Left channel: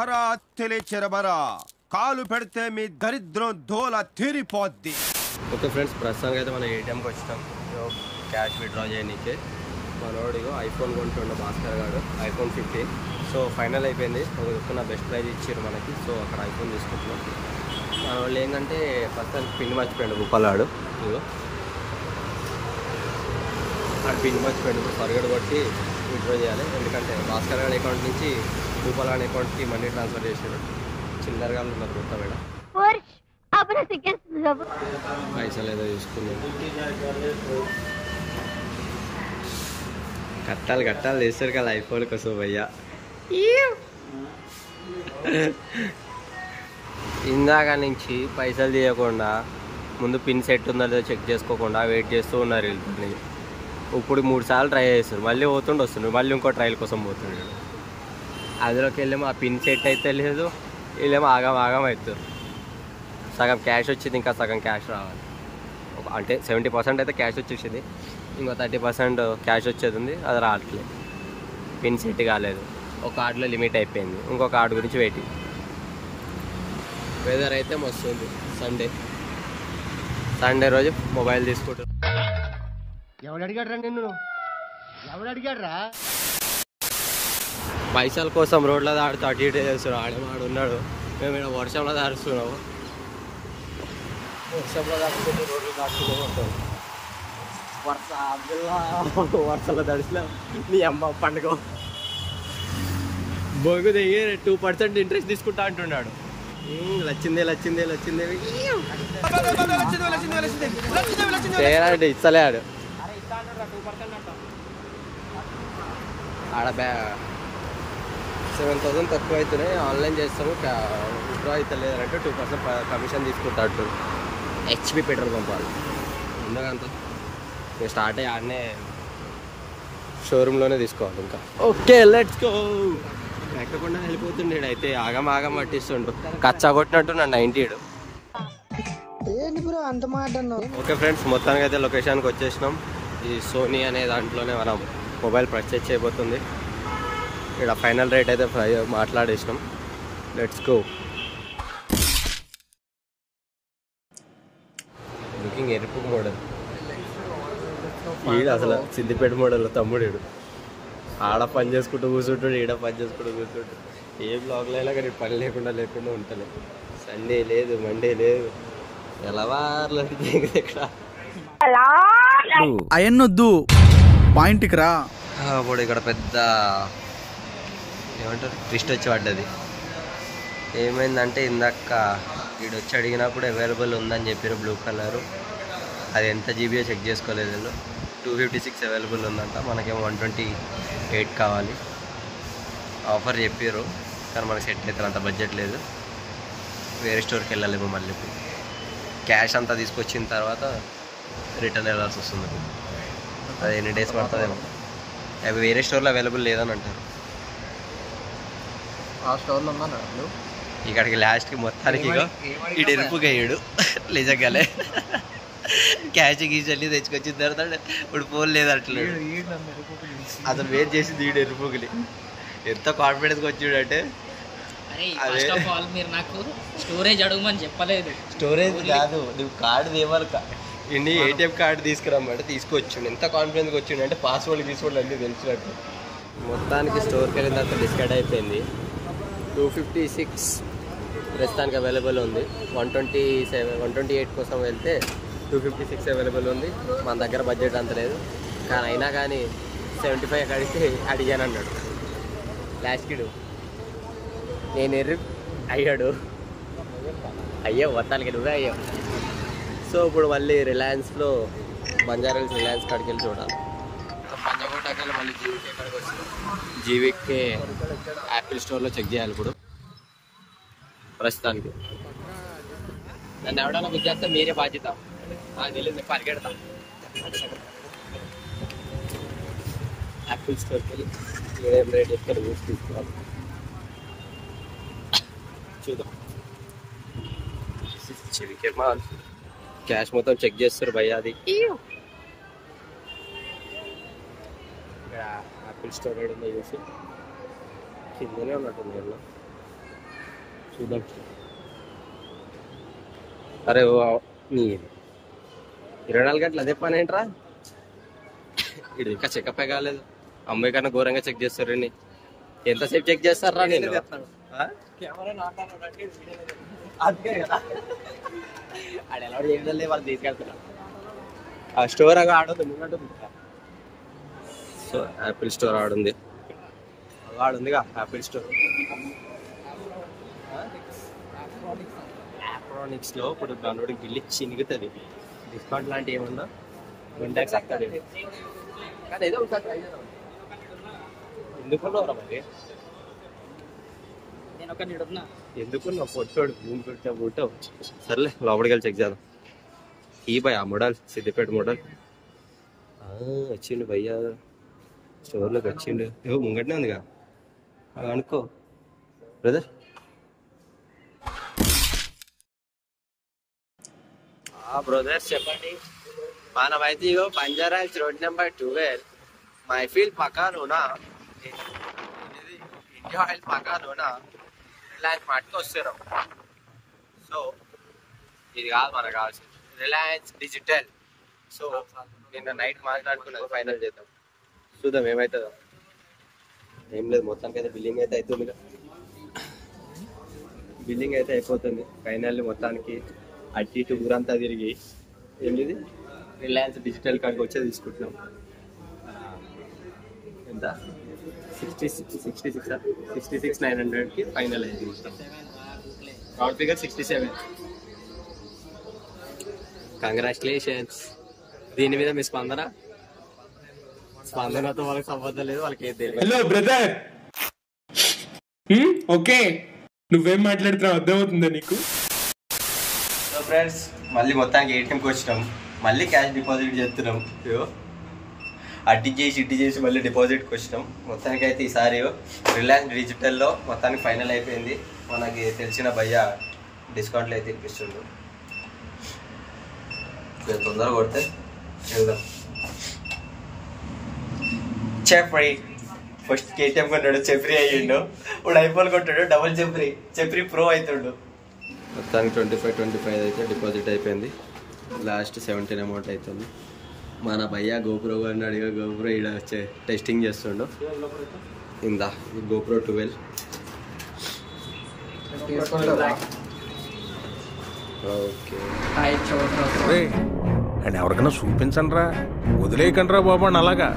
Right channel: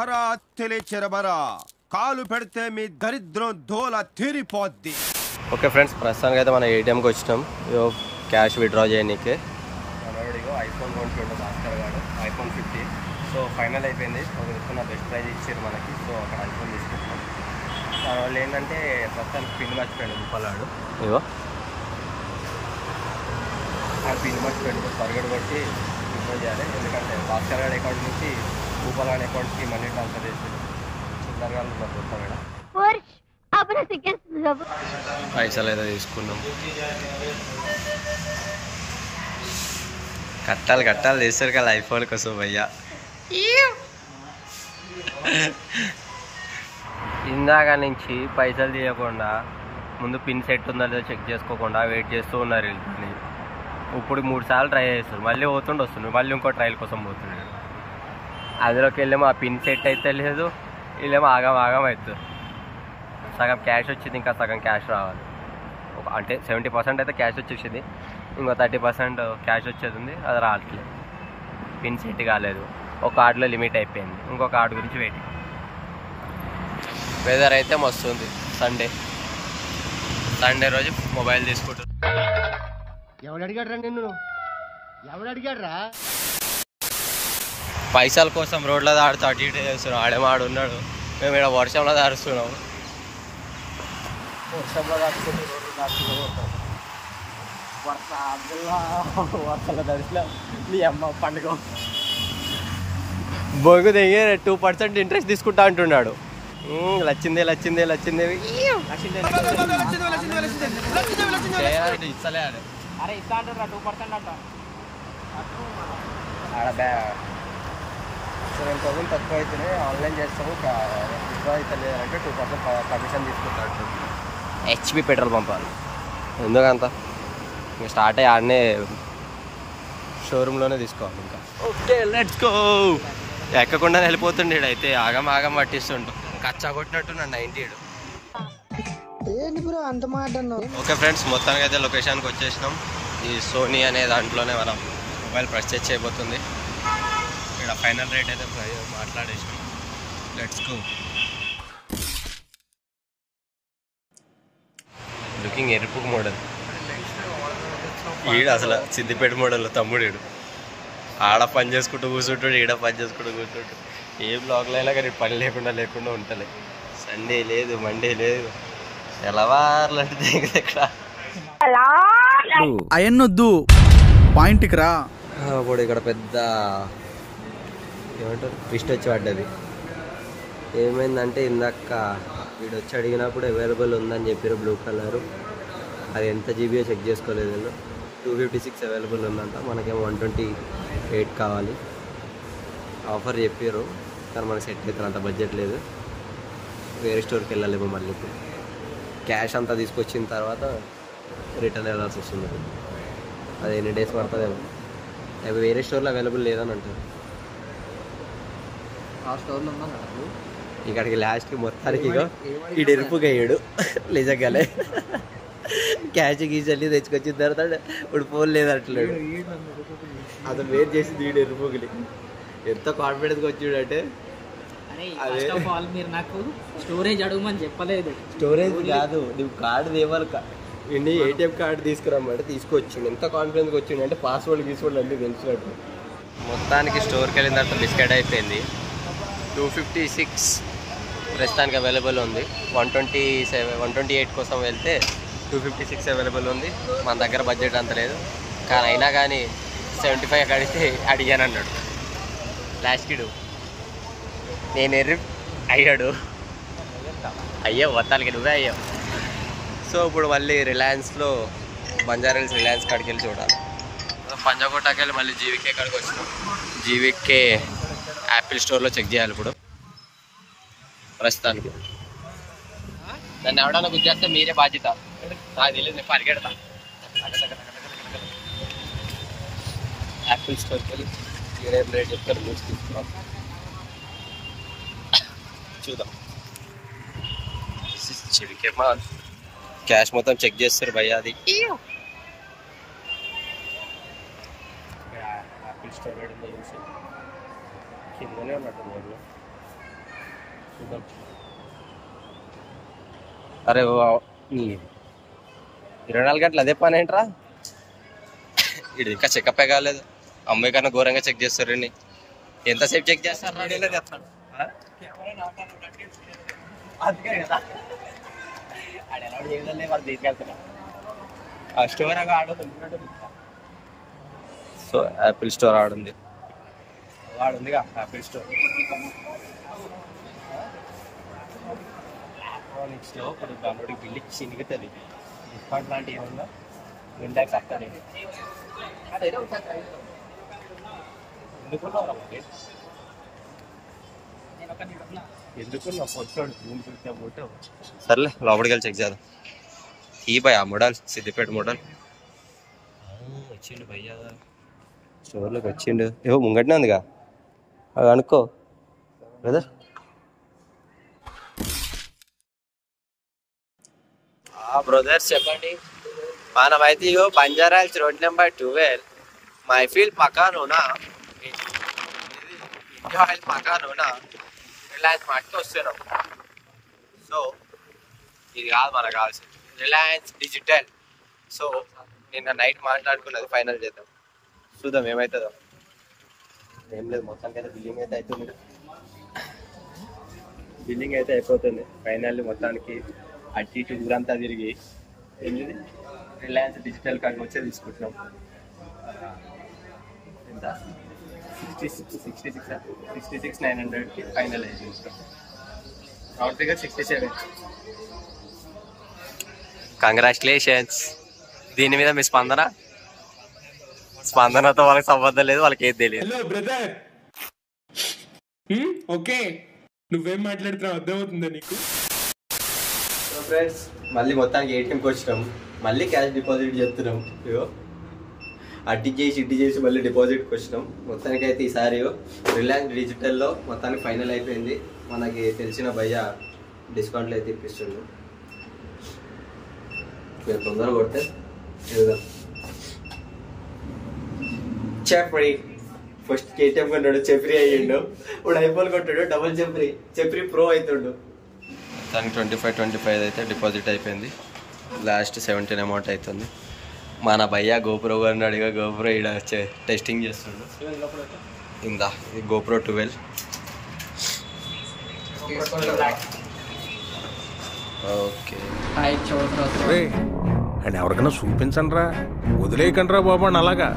హరా తెలిచెరబరా కాలు పెడితే మీ దరిద్రం దోల తీరిపోద్ది. ఓకే ఫ్రెండ్స్, ప్రస్తుతానికి అయితే మనం ఏటీఎంకి వచ్చినాం. ఇగో క్యాష్ విత్డ్రా చేయడానికి. మనోడిగో ఐఫోన్ కొంటుండే భాస్కర్ గారు, ఐఫోన్ 15. సో ఫైనల్ అయిపోయింది. ఒక దిక్కున బెస్ట్ ప్రైజ్ ఇచ్చారు మనకి. సో అక్కడ ఐఫోన్ తీసుకుంటున్నాం. మన వాళ్ళు ఏంటంటే ప్రస్తుతానికి పిన్ మర్చిపోయాడు భూపాలాడు. ఇగో ఆ పిన్ మర్చిపోయాడు. ఇప్పుడు పరిగెడు కొట్టి విత్డ్రా చేయాలి. ఎందుకంటే భాస్కర్ గారి అకౌంట్ నుంచి భూపాలాడి అకౌంట్కి మనీ ట్రాన్స్ఫర్ చేసాడు. చిల్లరగా ఉన్నారు కొత్త మేడ. పైసలు ఏదో తీసుకున్నాం. కట్టాలు చేస్తారు కదా ఐఫోన్ కోసం భయ్యా. ఇందాక నుంచి పైసలు తీయకుండా ముందు పిన్ సెట్ ఉందో లేదో చెక్ చేసుకోకుండా వెయిట్ చేస్తూ ఉన్నారు వీళ్ళని. ఇప్పుడు 3 సార్లు ట్రై చేస్తారు. మళ్ళీ వస్తుండే మళ్ళీ ఇంకో ట్రయల్ కోసం పోతుండే. అందులోకి వెళ్ళేమో ఆ పిన్ సెట్ అయితే లేదు, వీళ్ళేమో ఆగం అవుతుంది. సగం క్యాష్ వచ్చింది, ఇంకా సగం క్యాష్ రావాలి. అంటే 70% అయితే క్యాష్ వచ్చేసింది, ఇంకో 30% క్యాష్ వచ్చేది ఉంది, అది రావట్లేదు. పిన్ సెట్ కాలేదు. ఒక కార్డులో లిమిట్ అయిపోయింది, ఇంకో కార్డు గురించి వెయిటింగ్. వెదర్ అయితే మస్తు ఉంది. సండే రోజు మొబైల్ తీసుకుంటారు. ఎవడు అడిగాడు రా నిన్ను? ఎవడు అడిగాడు రా? పైసల కోసం రోడ్లో దాడుతూ అటు ఇటు చేస్తున్నాం. ఆడేమో ఆడున్నాడు, మేము ఇక్కడ వర్షంలో దాడుస్తున్నాము. వర్షంలో దాచుకుంటూ రోడ్లు దాచుకుంటూ కొడతాం. వర్షంలో దడిచినా నీ అమ్మ పండుగ బొంగు దిగి 2% ఇంట్రెస్ట్ తీసుకుంటా అంటున్నాడు. లచ్చిందే ఇస్తలే ఆడు. ఆడ 7,000 తక్కువ అవుతున్నాయి, ఆన్లైన్ చేస్తాము, విత్డ్రా అయితే లేదంటే 2% కమిషన్ తీసుకుంటాడు. హెచ్పి పెట్రోల్ పంపాలి. ఎందుకంత ఇంకా స్టార్ట్ అయ్యి ఆడనే షోరూంలోనే తీసుకోవాలి. ఇంకా ఓకే లెట్స్ గో. ఎక్కకుండా వెళ్ళిపోతుండే అయితే ఆగం పట్టిస్తుండు. కచ్చా కొట్టినట్టు నన్ను 90. ఓకే ఫ్రెండ్స్, మొత్తానికి అయితే లొకేషన్కి వచ్చేసినాం. ఈ సోనీ అనే దాంట్లోనే మనం మొబైల్ పర్చేజ్ చేయబోతుంది. ఇక్కడ ఫైనల్ రేట్ అయితే మాట్లాడేసినాం. Let's go. లుకింగ్ ఎరుపు మోడల్. ఈడ అసలు సిద్దిపేట మోడల్ తమ్ముడు. ఆడ పని చేసుకుంటూ కూర్చుంటాడు, ఈడ పని చేసుకుంటూ కూర్చుంటాడు. ఏ బ్లాగ్లో అయినా కానీ పని లేకుండా ఉంటలే. సండే లేదు, మండే లేదు, తెల్లవార్లంటే ఇక్కడ అయన్నొద్దు, పాయింట్కి రా. అప్పుడు ఇక్కడ పెద్ద ఏమంటారు ట్విస్ట్ వచ్చి పడ్డది. ఏమైందంటే ఇందాక వీడొచ్చి అడిగినప్పుడు అవైలబుల్ ఉందని చెప్పారు బ్లూ కలరు. అది ఎంత జీబీయో చెక్ చేసుకోలేదు వీళ్ళు. 256 అవైలబుల్ ఉందంట. మనకేమో 128 కావాలి. ఆఫర్ చెప్పారు కానీ మనకి సెట్ అవుతారు, అంత బడ్జెట్ లేదు. వేరే స్టోర్కి వెళ్ళాలేమో మళ్ళీ. ఇప్పుడు క్యాష్ అంతా తీసుకొచ్చిన తర్వాత రిటర్న్ వెళ్ళాల్సి వస్తుంది. అది ఎన్ని డేస్ పడుతుందేమో. అవి వేరే స్టోర్లో అవైలబుల్ లేదని అంటారు. ఇక్కడికి లాస్ట్కి మొత్తానికి ఈ ఎరుపుగా అయ్యాడు నిజంగానే. క్యాష్ గీచల్లి తెచ్చుకొచ్చిన తర్వాత ఇప్పుడు ఫోన్ లేదట్లేదు. అతను వేరు చేసింది ఈ ఎరుపుకి. ఎంత కాన్ఫిడెన్స్గా వచ్చిండంటే అదే నాకు స్టోరేజ్ అడగమని చెప్పలేదు. స్టోరేజ్ కాదు, నువ్వు కార్డు తేవాలి. ఇండి ఏటీఎం కార్డు తీసుకురమ్మంటే తీసుకొచ్చిండు. ఎంత కాన్ఫిడెన్స్గా వచ్చిండు అంటే పాస్వర్డ్ అన్నీ తెలిసినట్టు. మొత్తానికి స్టోర్కి వెళ్ళిన తర్వాత బిస్కెట్ అయిపోయింది. 256 ప్రస్తుతానికి అవైలబుల్ ఉంది. 128 కోసం వెళ్తే 256 అవైలబుల్ ఉంది. మన దగ్గర బడ్జెట్ అంత లేదు, కానీ అయినా కానీ 75 అడిగితే అడిగాను అన్నాడు. లాస్ట్కిడు నేను అయ్యాడు. అయ్యో మొత్తానికి నువ్వే అయ్యావు. సో ఇప్పుడు మళ్ళీ రిలయన్స్లో బంజారాహిల్స్ రిలయన్స్ కాడికి వెళ్ళి చూడాలి. పంజాగుట్టకి వెళ్ళి మళ్ళీ జీవికే కాడికి వచ్చినాం. జీవికే యాపిల్ స్టోర్లో చెక్ చేయాలి ఇప్పుడు. ప్రస్తుతానికి నన్ను ఎవడన్నా గుర్తిస్తే మీరే బాధ్యత, నాకు తెలియదు, నేను పరిగెడతా. యాపిల్ స్టోర్కి వెళ్ళి ఏం రేట్ చెప్తారు చూసి తీసుకోవాలి. చూద్దాం. జీవికే మాల్ క్యాష్ మొత్తం చెక్ చేస్తారు భయ్యా. అది యాపిల్ స్టోర్ చూసి కిందనే ఉన్నట్టుంది. అరే నీ 24 గంటలు అదే పని ఏంట్రా? ఇది ఇంకా చెకప్ కాలేదు. అమ్మాయి కన్నా ఘోరంగా చెక్ చేస్తారు. ఎంతసేపు చెక్ చేస్తారా? వాళ్ళు తీసుకెళ్తారా? ఆ స్టోర్ అవి ఆడుంది ముంగట. సో యాపిల్ స్టోర్ ఆడుంది, ఆడుందిగా యాపిల్ స్టోర్. ఎలక్ట్రానిక్స్ లో ఇప్పుడు దాని బిల్లు చినుగుతుంది. డిస్కౌంట్ లాంటివి ఏమన్నా వింటాక్స్ వస్తుంది. కానీ ఏదో ఒకసారి ట్రై చేద్దాం. ఎందుకున్నావురా మరి? ఎందుకున్నావు? పొట్టోడు భూమి పెట్టా బూటో. సర్లే లోపలికి వెళ్ళి చెక్ చేద్దాం. ఈ భయ్ ఆ మోడల్ సిద్దిపేట మోడల్ వచ్చిండు భయ్యా. స్టోర్లోకి వచ్చిండు. ఏవో ముంగట్నే ఉందిగా, అది అనుకో బ్రదర్. బ్రదర్స్ చెప్పండి. మనమైతే Banjara hills road number 12 Mehfil పక్కన ఇండియా ఆయిల్ పక్కన రిలయన్స్ మార్ట్కి వస్తున్నాం. సో ఇది కాదు మనకు కావాల్సింది, రిలయన్స్ డిజిటల్. సో నిన్న నైట్ మాట్లాడుకున్నది ఫైనల్ చేద్దాం, చూద్దాం ఏమవుతుందో. ఏం లేదు, మొత్తానికి అయితే బిల్లింగ్ అయితే అవుతుంది. బిల్లింగ్ అయితే అయిపోతుంది ఫైనల్. మొత్తానికి అటు ఇటు ఊరంతా తిరిగి ఏంటిది రిలయన్స్ డిజిటల్ కార్డ్కి వచ్చే తీసుకుంటున్నాం. ఎంత 66,900కి ఫైనల్ అయింది. Round figure 67. కంగ్రాచులేషన్స్. దీని మీద మీ స్పందనతో వాళ్ళకి సంబంధం లేదు, వాళ్ళకి ఏది తెలియదు. హలో బ్రదర్, ఓకే నువ్వేం మాట్లాడుతున్నావు అర్థమవుతుందా నీకు? సో ఫ్రెండ్స్, మళ్ళీ మొత్తానికి ఏటీఎంకి వచ్చినాం. మళ్ళీ క్యాష్ డిపాజిట్ చేస్తున్నాం. అట్టి చేసి ఇట్టి చేసి మళ్ళీ డిపాజిట్కి వచ్చినాం. మొత్తానికి అయితే ఈసారి రిలయన్స్ డిజిటల్లో మొత్తానికి ఫైనల్ అయిపోయింది. మనకి తెలిసిన భయ్య డిస్కౌంట్లు అయితే ఇప్పిస్తుండు. కొంచెం తొందరగా కొడితే వెళ్దాం. చెప్రీ ఫస్ట్ కేటీఎం కొన్నాడు, చెప్రీ అయ్యిండు. ఇప్పుడు ఐఫోన్ కొట్టాడు, డబుల్ చెప్రీ ప్రో అవుతుండు. మొత్తానికి 25 అయితే డిపాజిట్ అయిపోయింది. లాస్ట్ 17 అమౌంట్ అవుతుంది. మన భయ్య గోప్రో గారిని అడిగా, గోప్రో ఈడ టెస్టింగ్ చేస్తుండు. ఇందా ఇది గోప్రో 12. ఓకే అండ్ ఎవరికైనా చూపించండి రా, వదిలేయకండి రా బాబు. అలాగా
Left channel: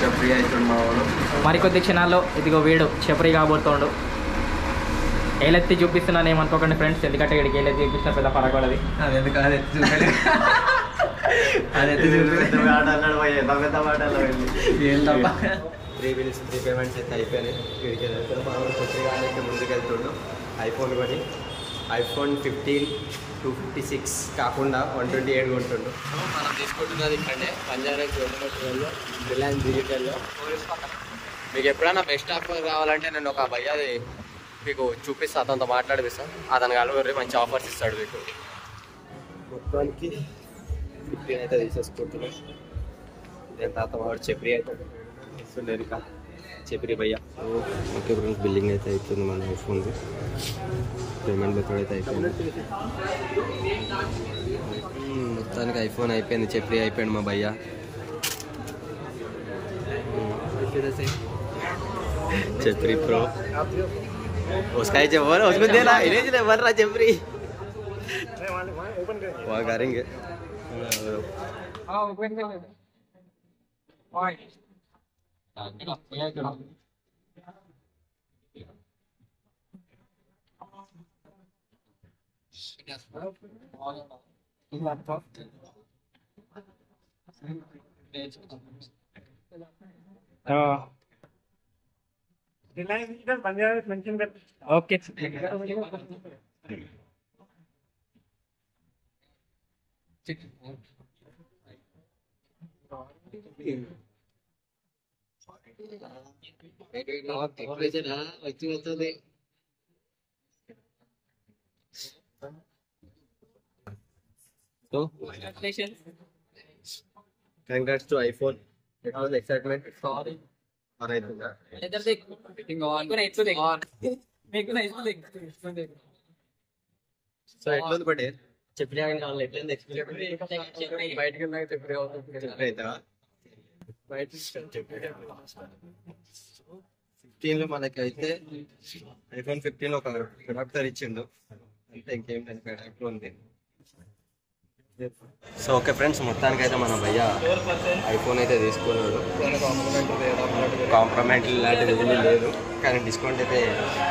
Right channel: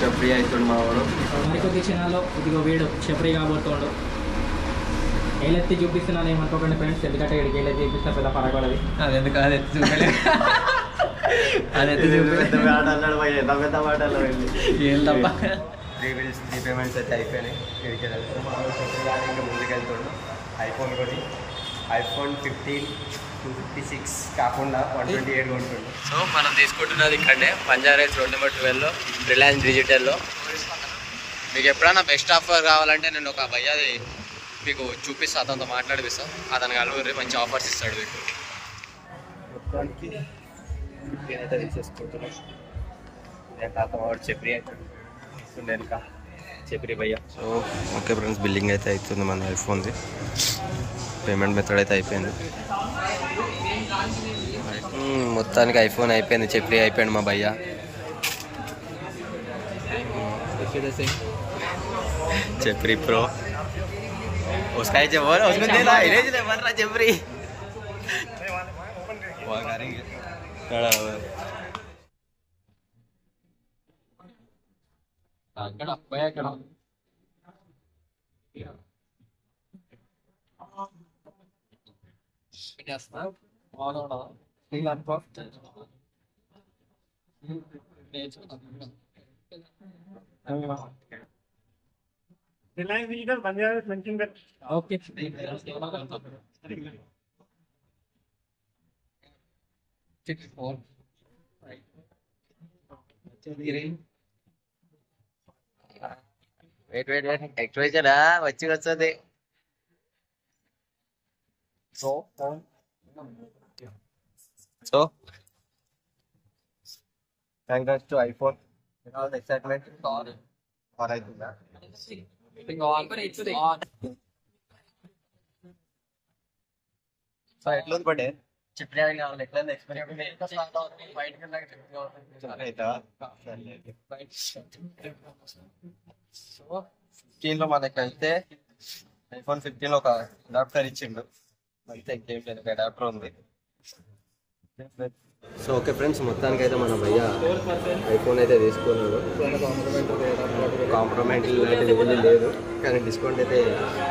చెప్రీ అవుతుండు మా వాడు. మరికొద్ది క్షణాల్లో ఇదిగో వీడు చెప్రీ కాబోతుండు. ఏలెత్తి చూపిస్తున్నాను ఏమనుకోకండి ఫ్రెండ్స్, ఎందుకంటే ఇక్కడికి ఏలెత్తి చూపిస్తున్నా పెద్ద పరగొడది. అది ఎందుకు అది ఎత్తి చూపలేదు, అది ఎత్తి చూపి అన్నాడు పెద్ద మాటల్లో వెళ్ళి ఏం తప్ప. 3 బిల్స్ 3 పేమెంట్స్ అయితే అయిపోయినాయి. ఇక్కడికి వెళ్తున్నాం. మా వాడు చెప్రీ కానీ ఇంకా ముందుకు వెళ్తుండు. ఐఫోన్ కొని ఐఫోన్ 15 256 కాకుండా 128 కొంటుండు. సో మనం తీసుకుంటున్నది ఇక్కడనే బంజారా హిల్స్ రోడ్ నెంబర్ 12లో రిలయన్స్ డిజిటల్లో. మీకు ఎప్పుడైనా బెస్ట్ ఆఫర్ కావాలంటే నేను ఒక భయ్యాది మీకు చూపిస్తా, అతనితో మాట్లాడిపిస్తాను. అతను కలవరి మంచి ఆఫర్స్ ఇస్తాడు మీకు. మొత్తానికి 15 అయితే తీసేసుకుంటున్నాం. నేను తాత వాడు చెప్రీ అవుతాడు వస్తుండే ఇంకా చెప్రీ భయ్య. సో ఓకే ఫ్రెండ్స్, బిల్లింగ్ అయితే అవుతుంది మన ఐఫోన్ది. పేమెంట్ మెథడ్ అయితే అయిపోయింది. మొత్తానికి ఐఫోన్ అయిపోయింది, చెప్రీ అయిపోయింది మా భయ్య. చెప్రీ ప్రో उसका ही जब बोला उसको देना इन्हें जो बन रहा जबरी वहाँ करेंगे Reliance digital Banjara hills mention కర్. ఓకే వెయిట్ యాక్టివేషన్ వస్తుంది. So congrats to iPhone. Excitement on అవుతుందా? సో ఎట్లుంది బట్ చెప్పినా వాళ్ళు ఎట్లా ఎక్స్పీరియన్స్ బయటకి సో 15 లో మనకైతే iPhone 15 లో ఒక అడాప్టర్ ఇచ్చిండు అంతే, ఇంకేం లేదు, ఒక అడాప్టర్ ఉంది. సో ఓకే ఫ్రెండ్స్, మొత్తానికి అయితే మన భయ్య ఐఫోన్ అయితే తీసుకున్నాడు. కాంప్రమైజ్ లాంటిది ఏమీ లేదు, కానీ డిస్కౌంట్ అయితే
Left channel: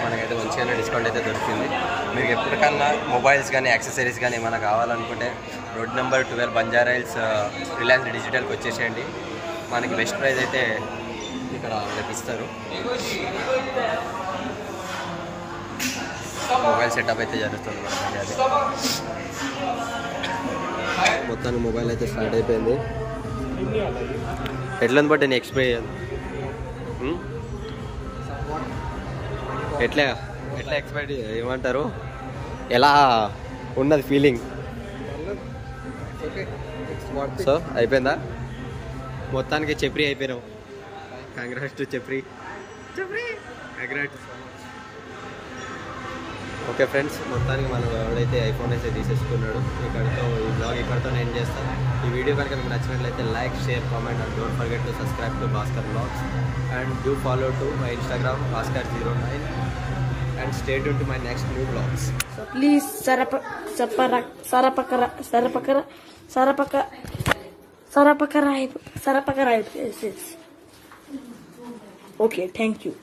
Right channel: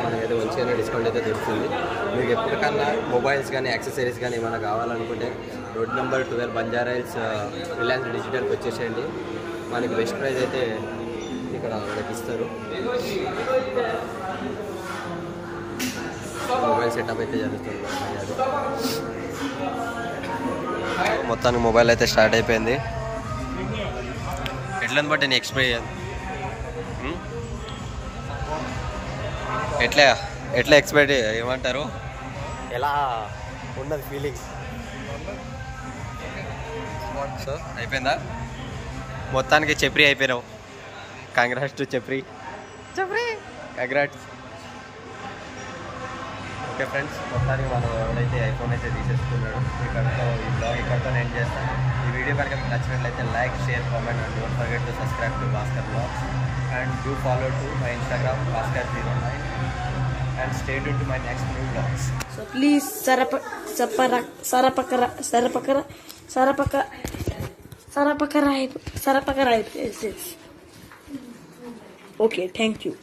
మనకైతే మంచిగానే డిస్కౌంట్ అయితే దొరికింది. మీకు ఎప్పటికన్నా మొబైల్స్ కానీ యాక్సెసరీస్ కానీ ఏమైనా కావాలనుకుంటే road number 12 Banjara hills Reliance డిజిటల్కి వచ్చేసేయండి. మనకి బెస్ట్ ప్రైస్ అయితే ఇక్కడ మనకి ఇస్తారు. మొబైల్ సెటప్ అయితే జరుగుతుంది అది. మొత్తానికి మొబైల్ అయితే స్టార్ట్ అయిపోయింది. ఎట్లని బట్టి నేను ఎక్స్పీరియన్స్ ఎట్లా ఎక్స్పెక్ట్ ఏమంటారు, ఎలా ఉన్నది ఫీలింగ్? సో అయిపోయిందా? మొత్తానికి చెప్రీ అయిపోయినావు. కంగ్రాట్స్ టు చెప్రీ, కంగ్రాట్స్. ఓకే ఫ్రెండ్స్, మొత్తానికి మనం ఎవడైతే ఐఫోన్ అయితే తీసేసుకున్నాడు. ఇక్కడతో ఈ బ్లాగ్ ఇక్కడతో ఎండ్ చేస్తాను. ఈ వీడియో కనుక మీకు నచ్చినట్లయితే like, share, comment and don't forget to subscribe to Bhaskar blogs and do follow to my Instagram Bhaskar09 and stay tuned to my next new vlogs. So please Sarapakara. Yes. Okay, thank you.